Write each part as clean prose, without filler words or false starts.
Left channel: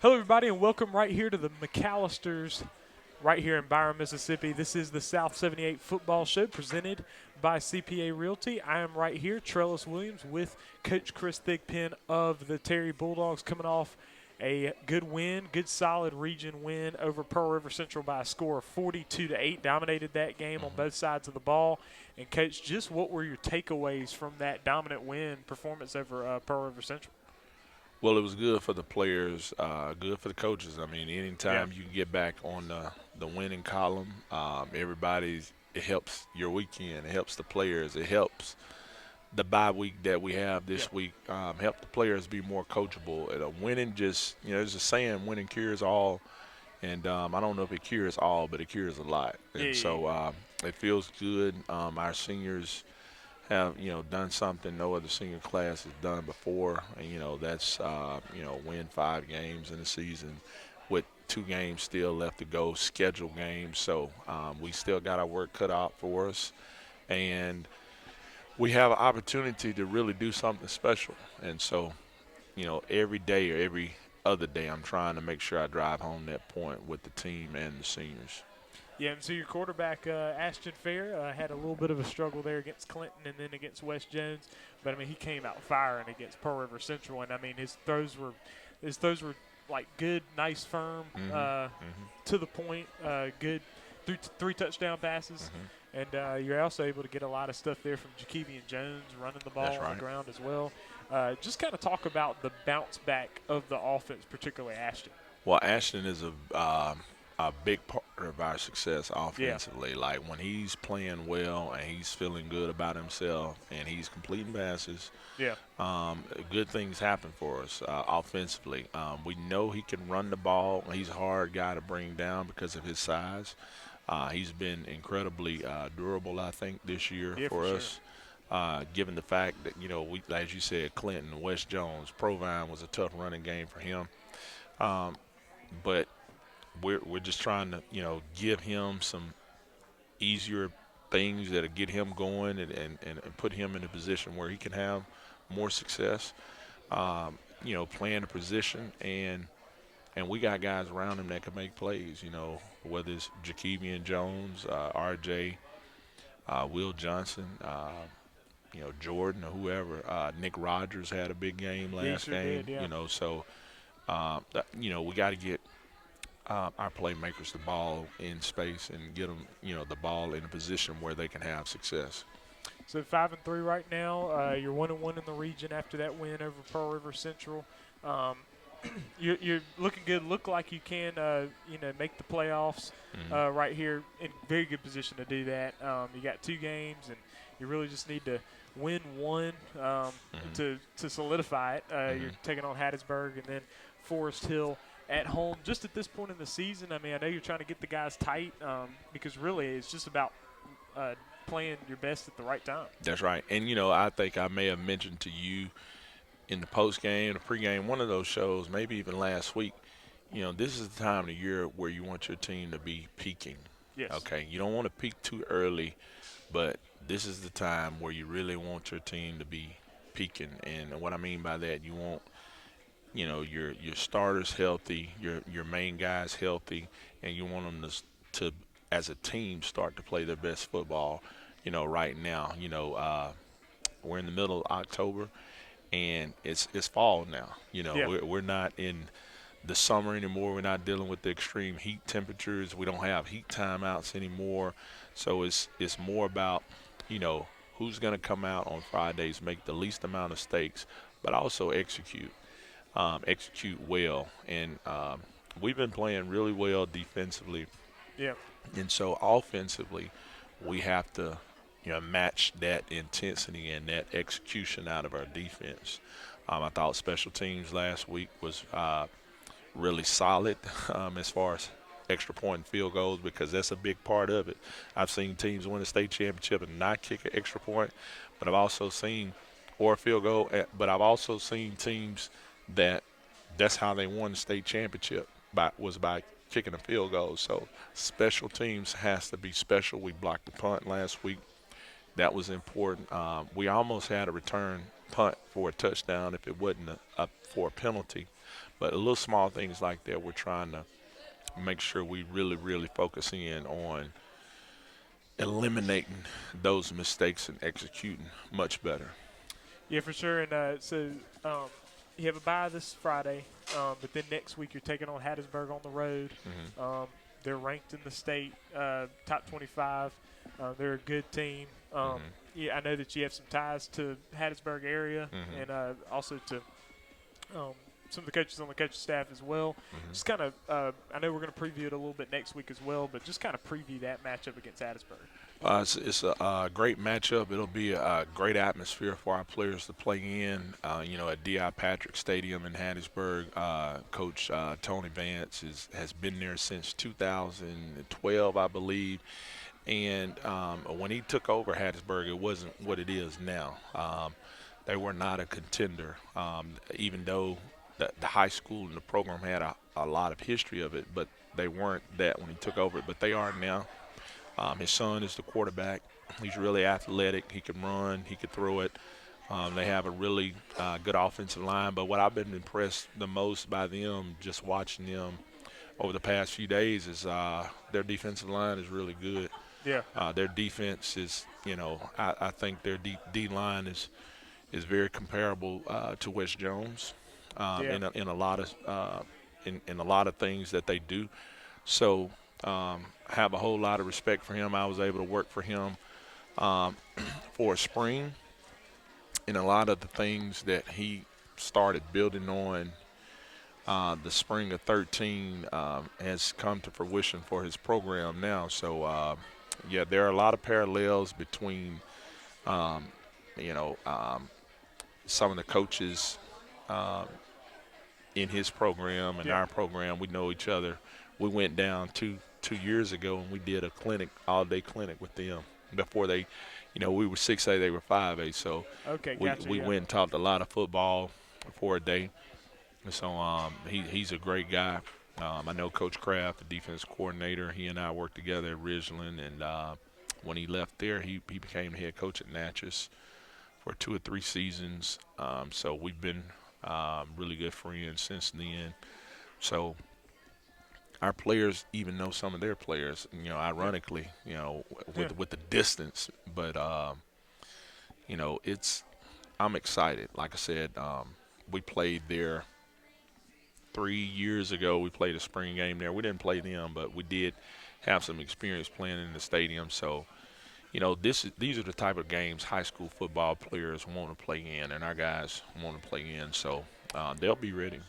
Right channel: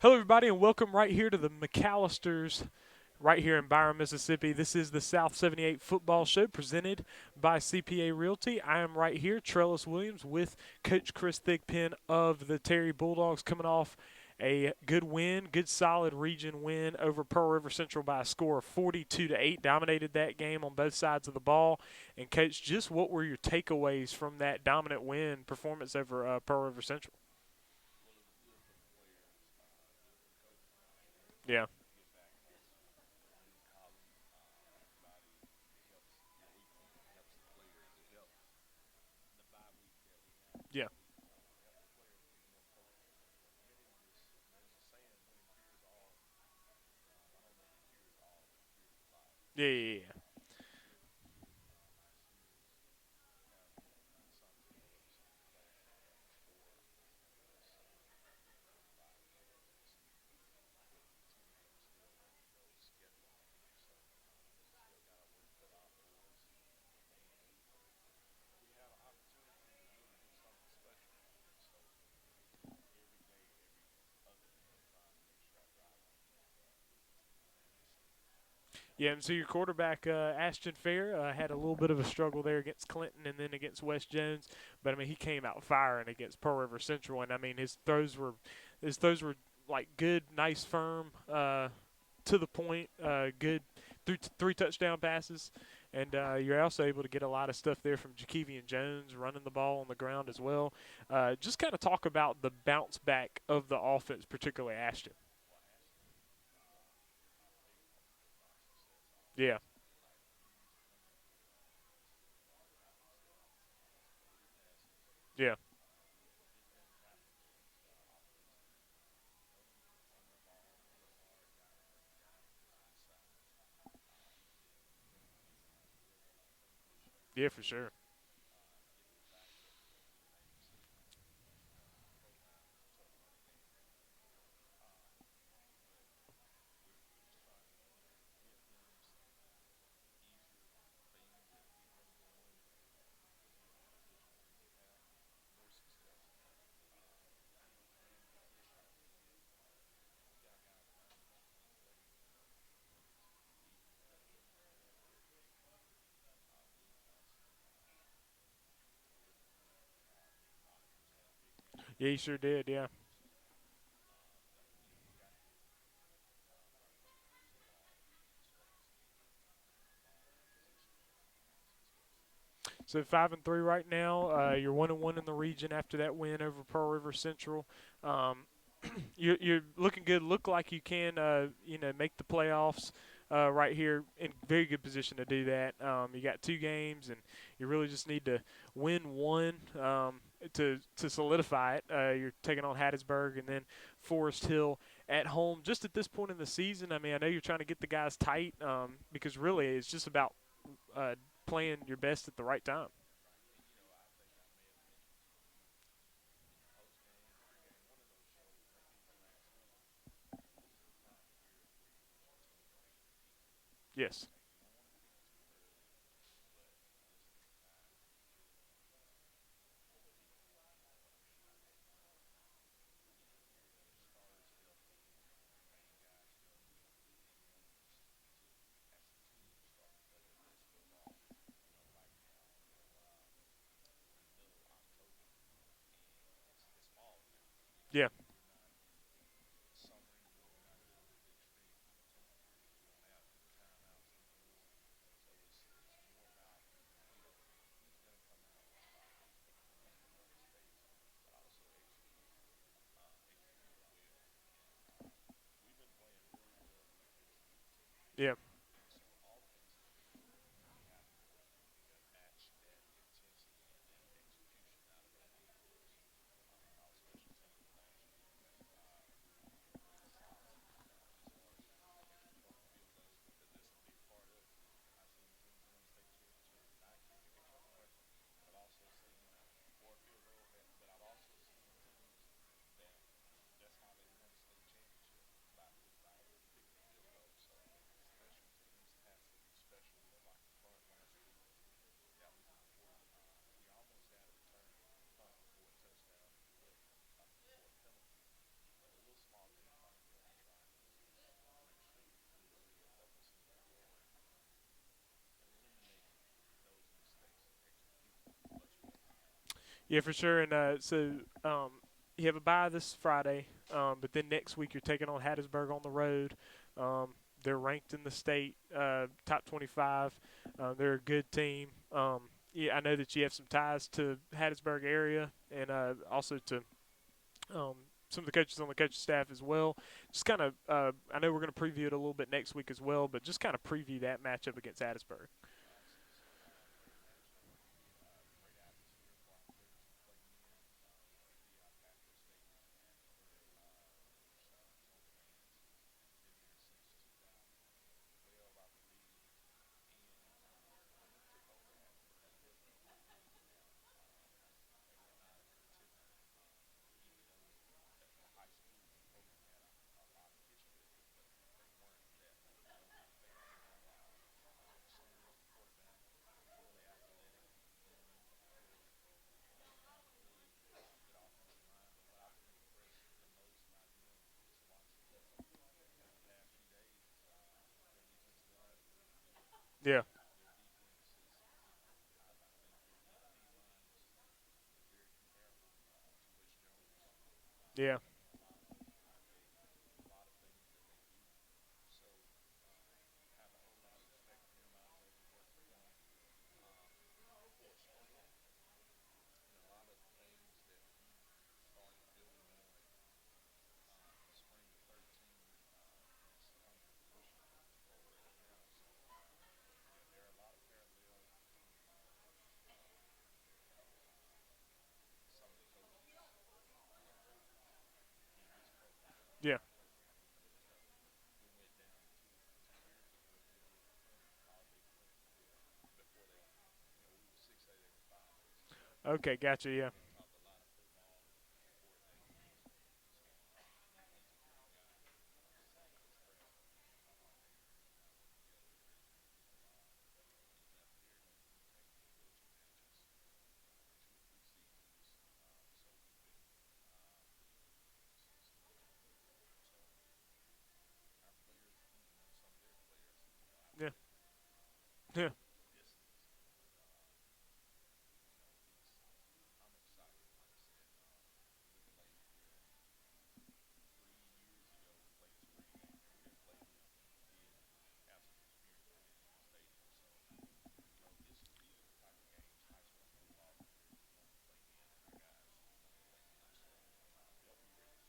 Hello, everybody, and welcome right here to the McAllisters right here in Byron, Mississippi. This is the South 78 Football Show presented by CPA Realty. I am right here, Trellis Williams, with Coach Chris Thigpen of the Terry Bulldogs, coming off a good win, good solid region win over Pearl River Central by a score of 42-8. Dominated that game on both sides of the ball. And Coach, just what were your takeaways from that dominant win performance over Pearl River Central? Well, it was good for the players, good for the coaches. I mean, Yeah, anytime you can get back on the winning column, everybody's it helps your weekend. It helps the players. It helps the bye week that we have yeah, this week. Help the players be more coachable. And winning just, there's a saying, winning cures all. And I don't know if it cures all, but it cures a lot. yeah, And yeah, so yeah. it feels good. Our seniors have done something no other senior class has done before, and that's win 5 games in the season with 2 games still left to go, scheduled games. So we still got our work cut out for us, and we have an opportunity to really do something special. And so every day or every other day, I'm trying to make sure I drive home that point with the team and the seniors. Yeah, and so your quarterback, Ashton Fair, had a little bit of a struggle there against Clinton and then against West Jones, but I mean he came out firing against Pearl River Central, and I mean his throws were like good, nice, firm, Hmm. Hmm. to the point, good, three touchdown passes, Hmm. and you're also able to get a lot of stuff there from Jakevian Jones running the That's ball on the right. ground as well. Just kind of talk about the bounce back of the offense, particularly Ashton. Well, Ashton is a big part of our success Yeah, offensively. Like when he's playing well and he's feeling good about himself and he's completing passes, yeah, good things happen for us offensively. We know he can run the ball. He's a hard guy to bring down because of his size. He's been incredibly durable, I think, this year yeah, for for sure. us. Given the fact that we, as you said, Clinton, West Jones, Provine was a tough running game for him. Um, but we're just trying to give him some easier things that'll get him going and put him in a position where he can have more success. Playing the position and we got guys around him that can make plays. Whether it's Jakevian Jones, R.J., Will Johnson, Jordan or whoever. Nick Rogers had a big game Yeah, he last sure game. did. Yeah. So we got to get our playmakers the ball in space and get them, the ball in a position where they can have success. So 5-3 right now. You're 1-1 in the region after that win over Pearl River Central. Um, you're looking good. Look like you can, make the playoffs Hmm. right here in very good position to do that. You got 2 games, and you really just need to win one Hmm. to solidify it. You're Hmm. taking on Hattiesburg and then Forest Hill at home. Just at this point in the season, I mean, I know you're trying to get the guys tight because really it's just about uh, playing your best at the right time. That's right. And I think I may have mentioned to you in the post game, the pregame, one of those shows, maybe even last week. This is the time of the year where you want your team to be peaking. Yes. Okay, you don't want to peak too early, but this is the time where you really want your team to be peaking. And what I mean by that, you want your starters healthy, your main guys healthy, and you want them to as a team start to play their best football. Right now, we're in the middle of October, and it's fall now. Yeah. We're not in the summer anymore. We're not dealing with the extreme heat temperatures. We don't have heat timeouts anymore. So it's more about you know who's going to come out on Fridays, make the least amount of mistakes, but also execute well. And we've been playing really well defensively, Yeah. and so offensively, we have to match that intensity and that execution out of our defense. I thought special teams last week was really solid as far as extra point and field goals because that's a big part of it. I've seen teams win a state championship and not kick an extra point, but I've also seen or a field goal, but I've also seen teams that that's how they won the state championship by kicking a field goal. So special teams has to be special. We blocked the punt last week. That was important. We almost had a return punt for a touchdown if it wasn't for a penalty, But little small things like that, we're trying to make sure we really, really focus in on eliminating those mistakes and executing much better. Yeah, for sure. And um, you have a bye this Friday, but then next week you're taking on Hattiesburg on the road. Hmm. Um, they're ranked in the state, top 25. They're a good team. Hmm. Yeah, I know that you have some ties to Hattiesburg area Hmm. and also to um, some of the coaches on the coaching staff as well. Hmm. Just kind of, I know we're going to preview it a little bit next week as well, but just kind of preview that matchup against Hattiesburg. It's a great matchup. It'll be a great atmosphere for our players to play in. At D.I. Patrick Stadium in Hattiesburg, Coach Tony Vance has been there since 2012, I believe. And when he took over Hattiesburg, it wasn't what it is now. They were not a contender, even though the high school and the program had a lot of history of it, but they weren't that when he took over it. But they are now. His son is the quarterback. He's really athletic. He can run. He can throw it. They have a really good offensive line. But what I've been impressed the most by them, just watching them over the past few days, is their defensive line is really good. Yeah. Their defense is, I think their D line is very comparable to West Jones Yeah. in a lot of in a lot of things that they do. So have a whole lot of respect for him. I was able to work for him um, for a spring, and a lot of the things that he started building on the spring of 13 has come to fruition for his program now. So, yeah, there are a lot of parallels between, um, you know, um, some of the coaches um, in his program and Yeah. our program. We know each other. We went down two years ago and we did a clinic, all day clinic with them before they, we were 6A, they were 5A. So Okay, we gotcha. we Yeah. went and talked a lot of football for a day. And so he's a great guy. I know Coach Kraft, the defense coordinator. He and I worked together at Ridgeland, and when he left there, he became the head coach at Natchez for 2 or 3 seasons. So we've been really good friends since then. So our players even know some of their players. Yeah. Ironically, Yeah. with the distance, but it's I'm excited. Like I said, we played there 3 years ago. We played a spring game there. We didn't play them, but we did have some experience playing in the stadium. So these are the type of games high school football players want to play in, and our guys want to play in. So they'll be ready.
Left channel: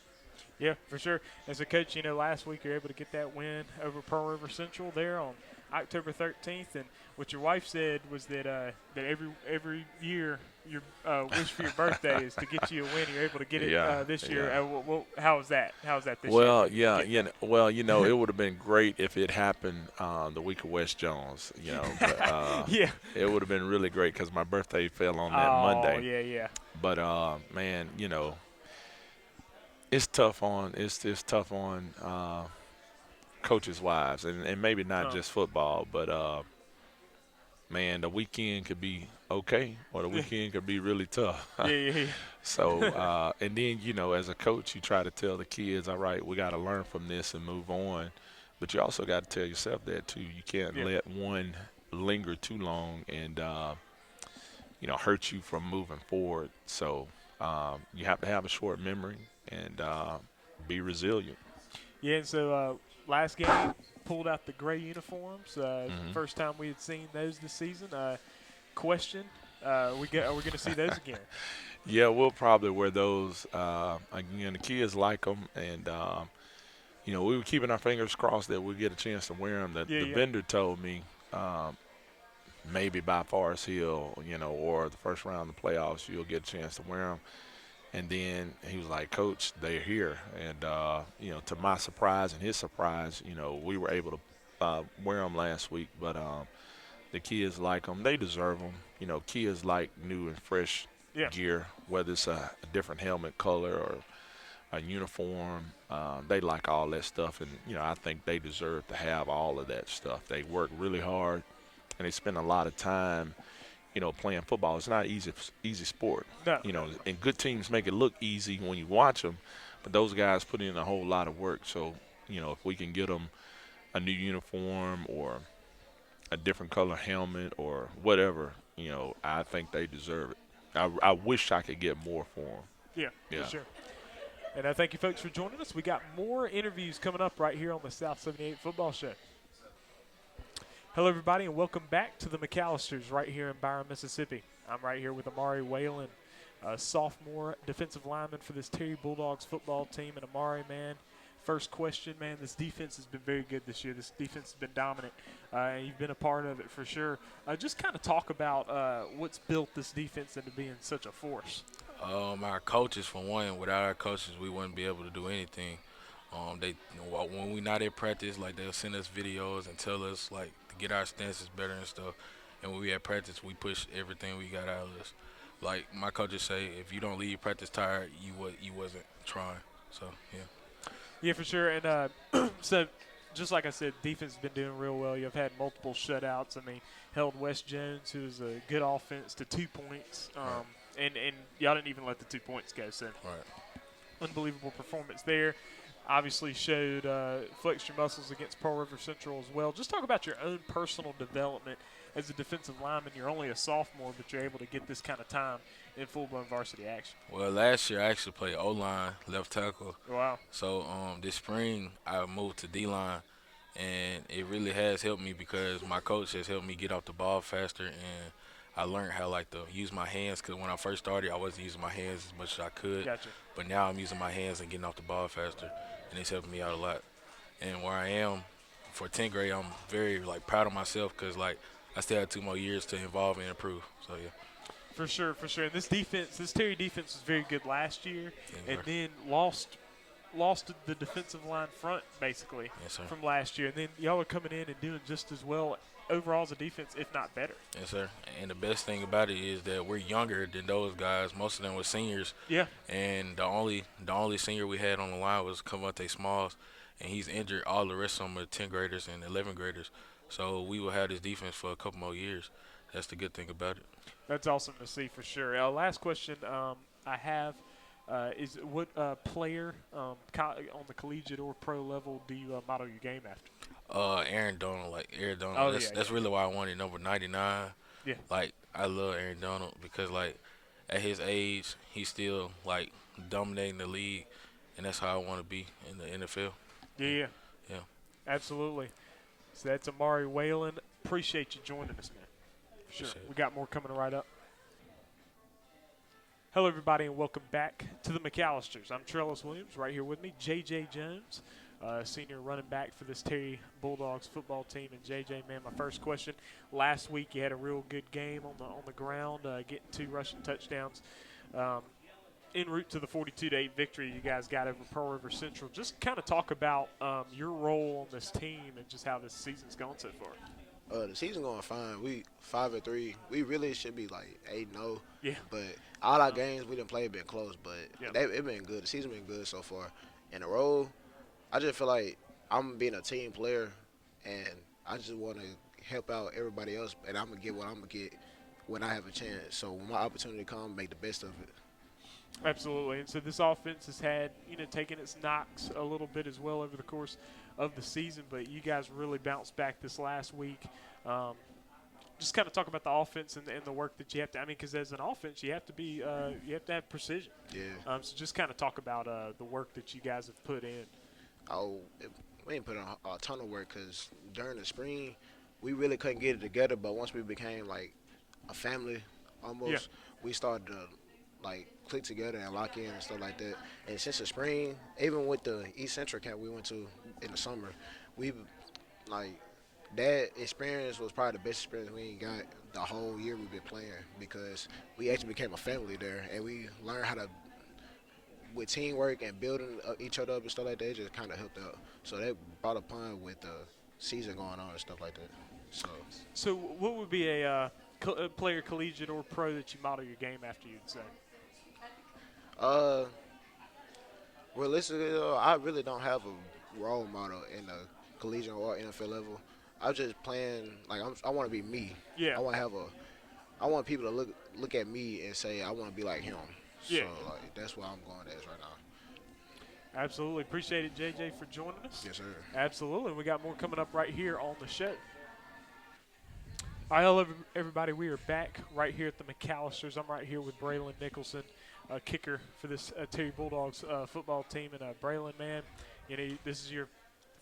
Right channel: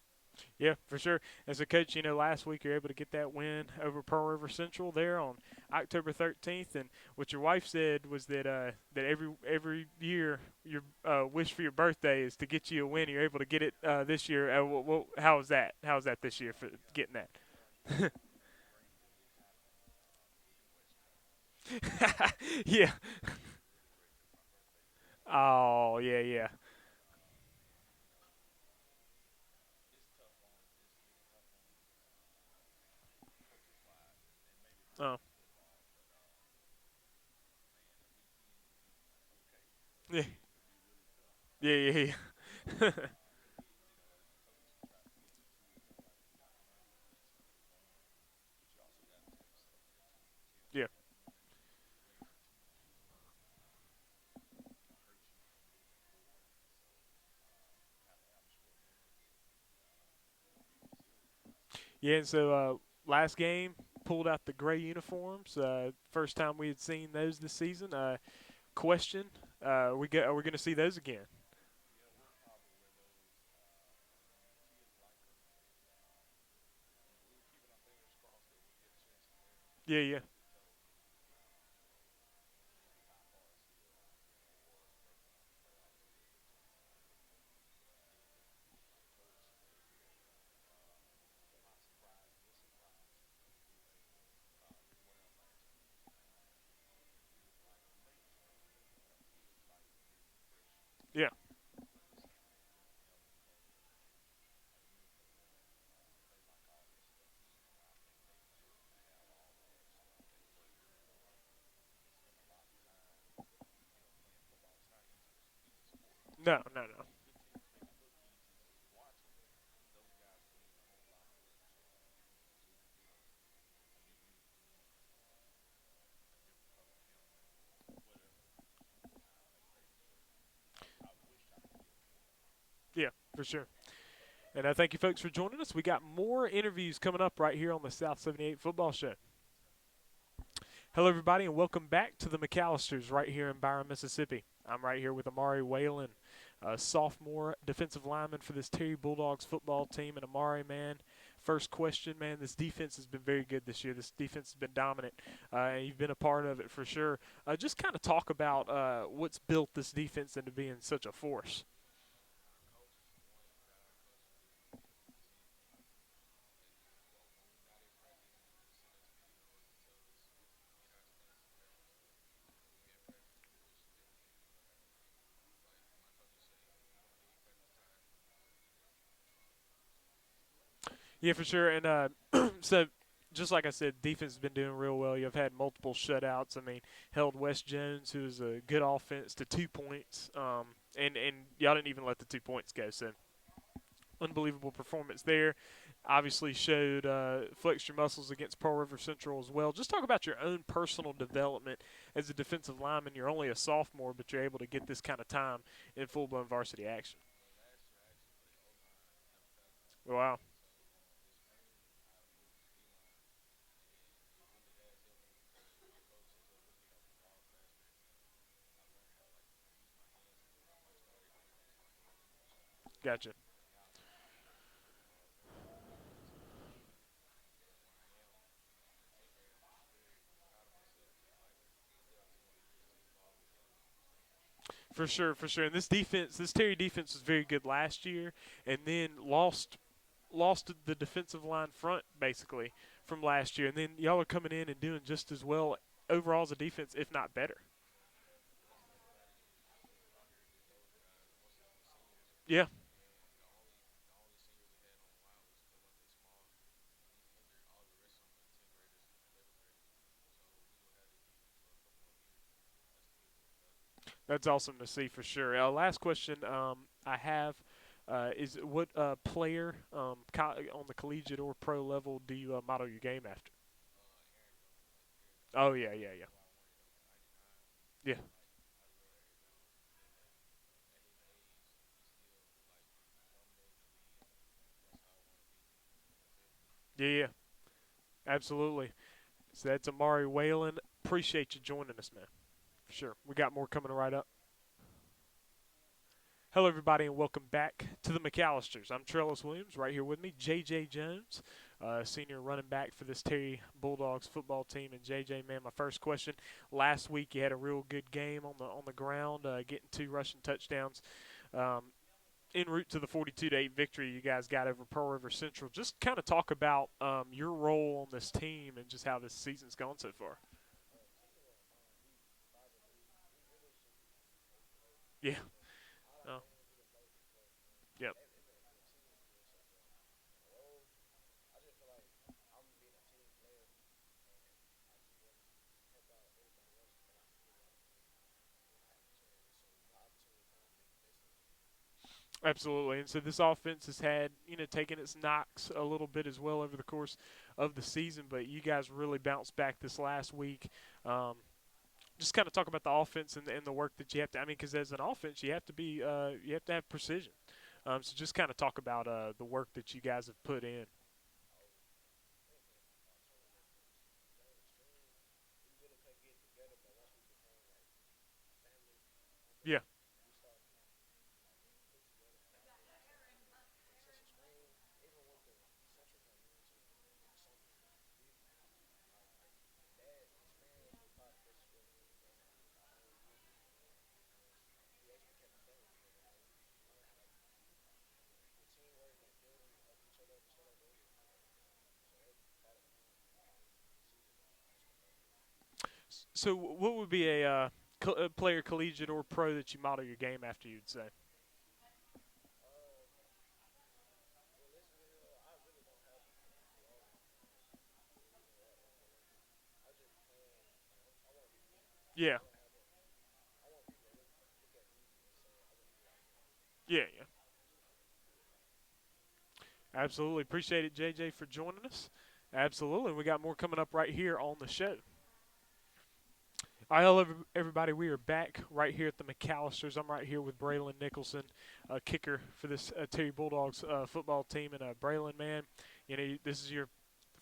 Yeah, for sure. As a coach, last week you're able to get that win over Pearl River Central there on October 13th, and what your wife said was that every year your wish for your birthday is to get you a win. You're able to get it Yeah, this year. yeah. How was that? How was that this year? Well, For yeah, getting that? well, it would have been great if it happened the week of West Jones. But, Yeah. it would have been really great because my birthday fell on that Oh, Monday. yeah, yeah. But man, it's tough on coaches' wives, and maybe not Oh. just football, but man, the weekend could be okay, or the Yeah, weekend could be really tough. yeah, yeah. So, and then, as a coach, you try to tell the kids, all right, we got to learn from this and move on. But you also got to tell yourself that, too. You can't Yeah. let one linger too long and, hurt you from moving forward. So you have to have a short memory and be resilient. Yeah, and so last game pulled out the gray uniforms. Hmm. First time we had seen those this season. Question: are we going to see those again? Yeah, we'll probably wear those. Again, the kids like them, and we were keeping our fingers crossed that we'd get a chance to wear them. Yeah, The yeah, vendor told me maybe by Forest Hill, or the first round of the playoffs, you'll get a chance to wear them. And then he was like, Coach, they're here. And, to my surprise and his surprise, we were able to wear them last week. But the kids like them. They deserve them. Kids like new and fresh yeah, gear, whether it's a different helmet color or a uniform. They like all that stuff. And, I think they deserve to have all of that stuff. They work really hard, and they spend a lot of time playing football. It's not easy sport. no, no, And good teams make it look easy when you watch them, those guys put in a whole lot of work. So, if we can get them a new uniform or a different color helmet or whatever, I think they deserve it. I wish I could get more for them. Yeah, for Yeah. sure. And I thank you folks for joining us. We got more interviews coming up right here on the South 78 Football Show. Hello, everybody, and welcome back to the McAllisters right here in Byron, Mississippi. I'm right here with Amari Whalen, a sophomore defensive lineman for this Terry Bulldogs football team. And Amari, man, first question, man, this defense has been very good this year. This defense has been dominant, and you've been a part of it for sure. Just kind of talk about what's built this defense into being such a force. Our coaches, for one. Without our coaches, we wouldn't be able to do anything. When we not at practice, like they'll send us videos and tell us like to get our stances better and stuff. And when we at practice, we push everything we got out of us. Like my coaches say, if you don't leave practice tired, you wasn't trying. So yeah. Yeah, for sure. And so, just like I said, defense has been doing real well. You've had multiple shutouts. I mean, held West Jones, who is a good offense, to 2 points. And y'all didn't even let the 2 points go. So, unbelievable performance there. Obviously showed flexed your muscles against Pearl River Central as well. Just talk about your own personal development as a defensive lineman. You're only a sophomore, but you're able to get this kind of time in full-blown varsity action. Well, last year I actually played O-line, left tackle. Wow. So this spring I moved to D-line, and it really has helped me because my coach has helped me get off the ball faster, and I learned how to use my hands. Because when I first started, I wasn't using my hands as much as I could. Gotcha. But now I'm using my hands and getting off the ball faster, and it's helping me out a lot. And where I am for 10th grade, I'm very proud of myself because I still have 2 more years to evolve and improve. So yeah. For sure, for sure. And this Terry defense was very good last year, and then lost the defensive line front basically from last year. And then y'all are coming in and doing just as well overall as a defense, if not better. Yes, sir. And the best thing about it is that we're younger than those guys. Most of them were seniors. Yeah. And the only senior we had on the line was Cavante Smalls, and he's injured. All the rest of them are 10th graders and 11th graders. So we will have this defense for a couple more years. That's the good thing about it. That's awesome to see for sure. Last question I have is what player on the collegiate or pro level do you model your game after? Aaron Donald, Aaron Donald. Oh, that's really why I wanted number 99. Yeah. I love Aaron Donald because at his age, he's still dominating the league, and that's how I want to be in the NFL. Yeah. Yeah. Absolutely. So that's Amari Whalen. Appreciate you joining us, man. For sure. We got more coming right up. Hello, everybody, and welcome back to the McAllisters. I'm Trellis Williams. Right here with me, J.J. Jones, senior running back for this Terry Bulldogs football team. And J.J., man, my first question. Last week you had a real good game on the ground, getting 2 rushing touchdowns. En route to the 42-8 victory you guys got over Pearl River Central. Just kind of talk about your role on this team and just how this season's gone so far. The season going fine. We 5-3. We really should be 8-0. Yeah. But all our games we didn't play have been close, but Yep. it been good. The season been good so far. In the road, I just feel like I'm being a team player, and I just want to help out everybody else, and I'm gonna get what I'm gonna get when I have a chance. So when my opportunity comes, make the best of it. Absolutely. And so this offense has had, taken its knocks a little bit as well over the course of the season, but you guys really bounced back this last week. Just kind of talk about the offense and the work that you have to. I mean, because as an offense, you have to have precision. Yeah. So just kind of talk about the work that you guys have put in. We ain't put in a ton of work because during the spring, we really couldn't get it together. But once we became a family, almost, we started to click together and lock in and stuff like that. And since the spring, even with the East Central camp we went to in the summer, we that experience was probably the best experience we ain't got the whole year we've been playing because we actually became a family there and we learned how to, with teamwork and building each other up and stuff like that, it just kind of helped out. So that brought upon with the season going on and stuff like that. So what would be a player, collegiate or pro, that you model your game after, you'd say? Realistically, I really don't have a role model in the collegiate or NFL level. I'm just playing I want to be me. Yeah. I want people to look at me and say I want to be like him. Yeah. So that's where I'm going as right now. Absolutely. Appreciate it, JJ, for joining us. Yes, sir. Absolutely. We got more coming up right here on the show. All right, hello, everybody. We are back right here at the McAllisters. I'm right here with Braylon Nicholson, kicker for this Terry Bulldogs football team. And Braylon, man, this is your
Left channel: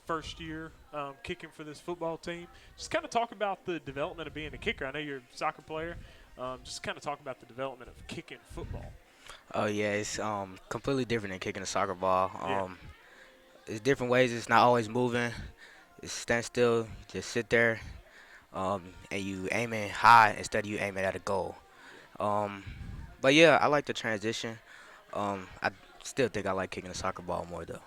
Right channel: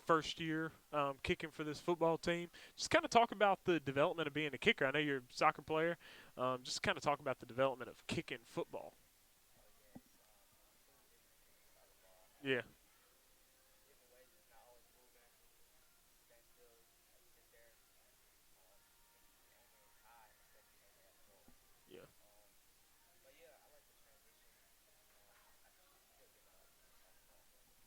first year kicking for this football team. Just kind of talk about the development of being a kicker. I know you're a soccer player. Just kind of talk about the development of kicking football. Oh yeah, it's completely different than kicking a soccer ball. Yeah. It's different ways. It's not always moving. It's stand still, just sit there, and you aiming high instead of you aiming at a goal. But yeah, I like the transition. I still think I like kicking a soccer ball more though.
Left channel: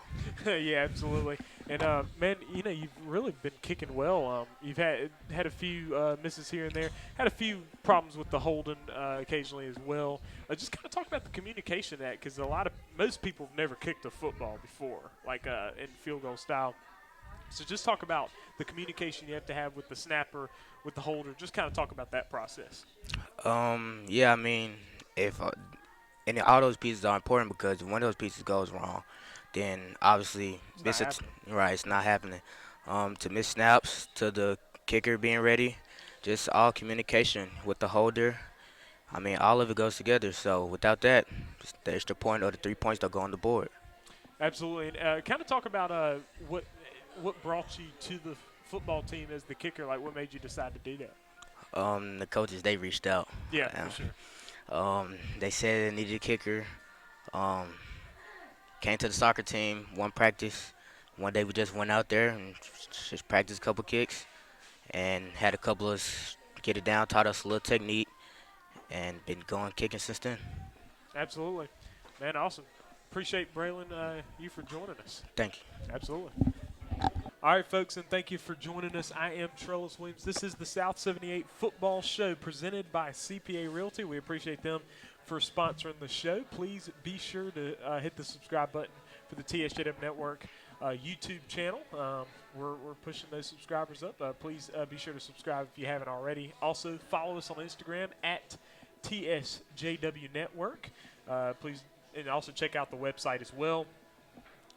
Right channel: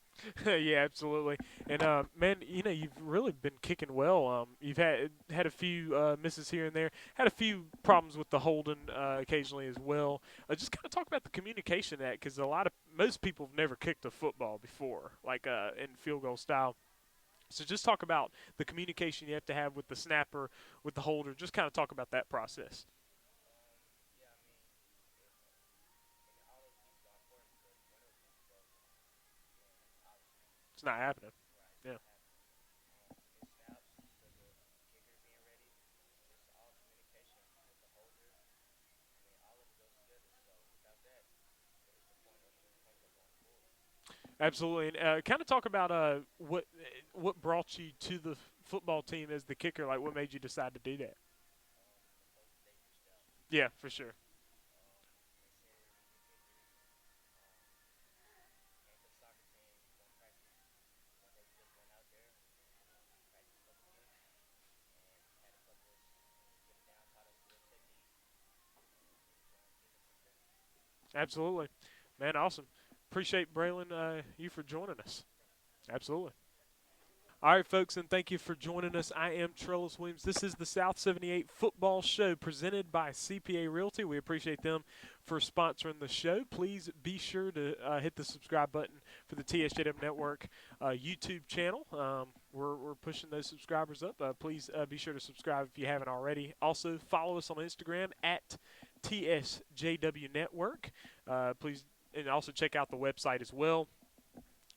Yeah, absolutely. And man, you've really been kicking well. You've had a few misses here and there. Had a few problems with the holding occasionally as well. Just kind of talk about the communication of that, because most people have never kicked a football before, like in field goal style. So just talk about the communication you have to have with the snapper, with the holder. Just kind of talk about that process. Yeah, I mean, if and all those pieces are important, because if one of those pieces goes wrong, then obviously It's not happening. right, it's not happening. To miss snaps, to the kicker being ready, just all communication with the holder. I mean, all of it goes together. So without that, just the extra point or the 3 points don't go on the board. Absolutely. And kind of talk about what brought you to the football team as the kicker. Like, what made you decide to do that? The coaches, they reached out. Yeah, for sure. They said they needed a kicker. Came to the soccer team, one practice. One day we just went out there and just practiced a couple kicks and had a couple of us get it down, taught us a little technique, and been going kicking since then. Absolutely. Man, awesome. Appreciate, Braylon, you for joining us. Thank you. Absolutely. All right, folks, and thank you for joining us. I am Trellis Williams. This is the South 78 Football Show presented by CPA Realty. We appreciate them for sponsoring the show. Please be sure to hit the subscribe button for the TSJW Network YouTube channel. We're pushing those subscribers up. Please be sure to subscribe if you haven't already. Also, follow us on Instagram at TSJW Network. Please, and also check out the website as well.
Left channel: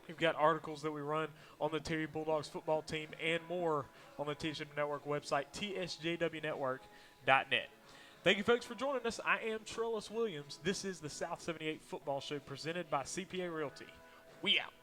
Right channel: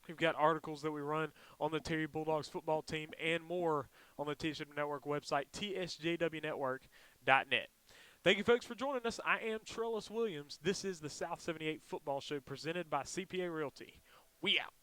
We've got articles that we run on the Terry Bulldogs football team and more on the TSJW Network website, tsjwnetwork.net. Thank you, folks, for joining us. I am Trellis Williams. This is the South 78 Football Show presented by CPA Realty. We out.